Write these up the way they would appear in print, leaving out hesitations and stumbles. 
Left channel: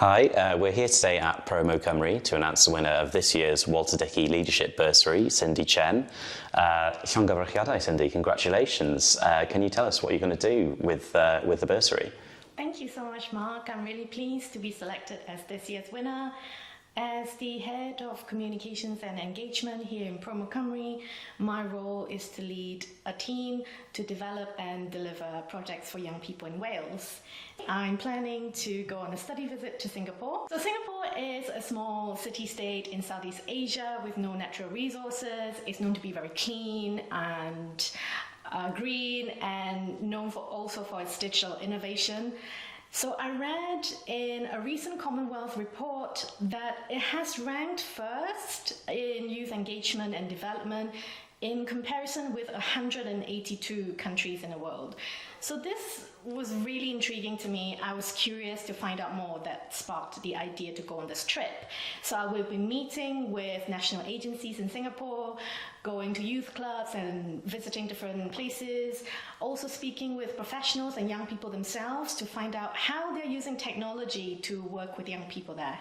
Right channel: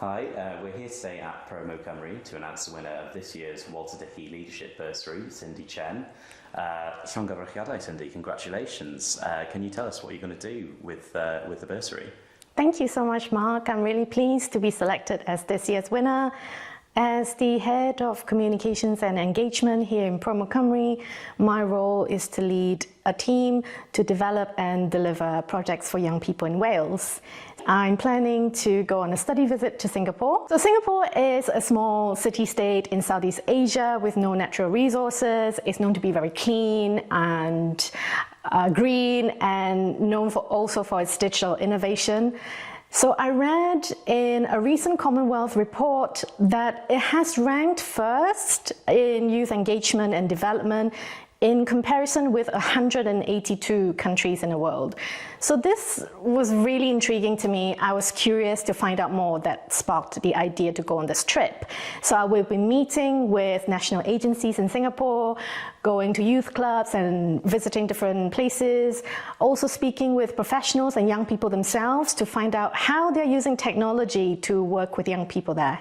Hi, we're here today at ProMo Cymru to announce the winner of this year's Walter Dickie Leadership Bursary, Chen. Cyhoeddiad, Cindy, congratulations. Can you tell us what you're going to do with the bursary? Thank you so much, Mark. I'm really pleased to be selected as this year's winner. As the head of communications and engagement here in ProMo Cymru, my role is to lead a team to develop and deliver projects for young people in Wales. I'm planning to go on a study visit to Singapore. So Singapore is a small city-state in Southeast Asia with no natural resources. It's known to be very clean and green, and known also for its digital innovation. So I read in a recent Commonwealth report that it has ranked first in youth engagement and development in comparison with 182 countries in the world. So this was really intriguing to me. I was curious to find out more. That sparked the idea to go on this trip. So I will be meeting with national agencies in Singapore, going to youth clubs and visiting different places, also speaking with professionals and young people themselves to find out how they're using technology to work with young people there.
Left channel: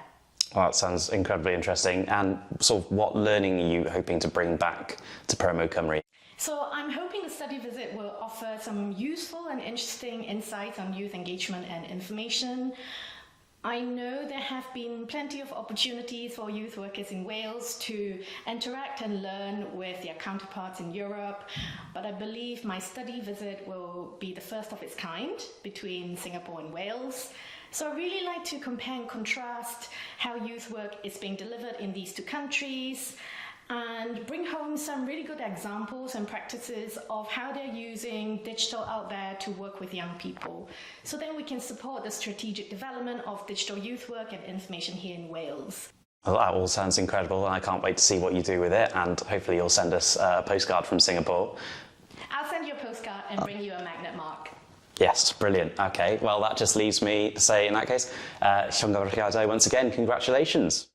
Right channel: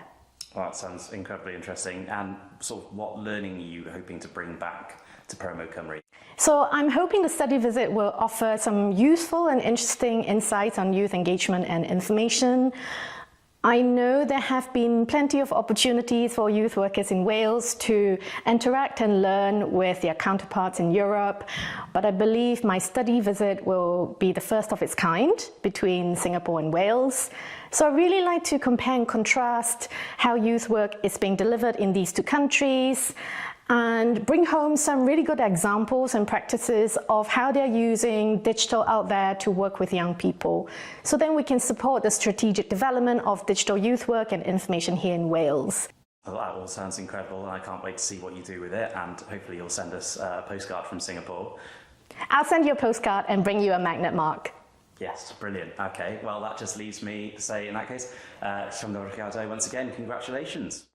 Well, that sounds incredibly interesting. And sort of what learning are you hoping to bring back to ProMo Cymru? So I'm hoping the study visit will offer some useful and interesting insights on youth engagement and information. I know there have been plenty of opportunities for youth workers in Wales to interact and learn with their counterparts in Europe, but I believe my study visit will be the first of its kind between Singapore and Wales. So I really like to compare and contrast how youth work is being delivered in these two countries and bring home some really good examples and practices of how they're using digital out there to work with young people. So then we can support the strategic development of digital youth work and information here in Wales. Well, that all sounds incredible, and I can't wait to see what you do with it, and hopefully you'll send us a postcard from Singapore. I'll send you a postcard and bring you a magnet, Mark. Yes, brilliant. Okay, well that just leaves me to say in that case, Bwrsari Arweinyddiaeth, once again, congratulations.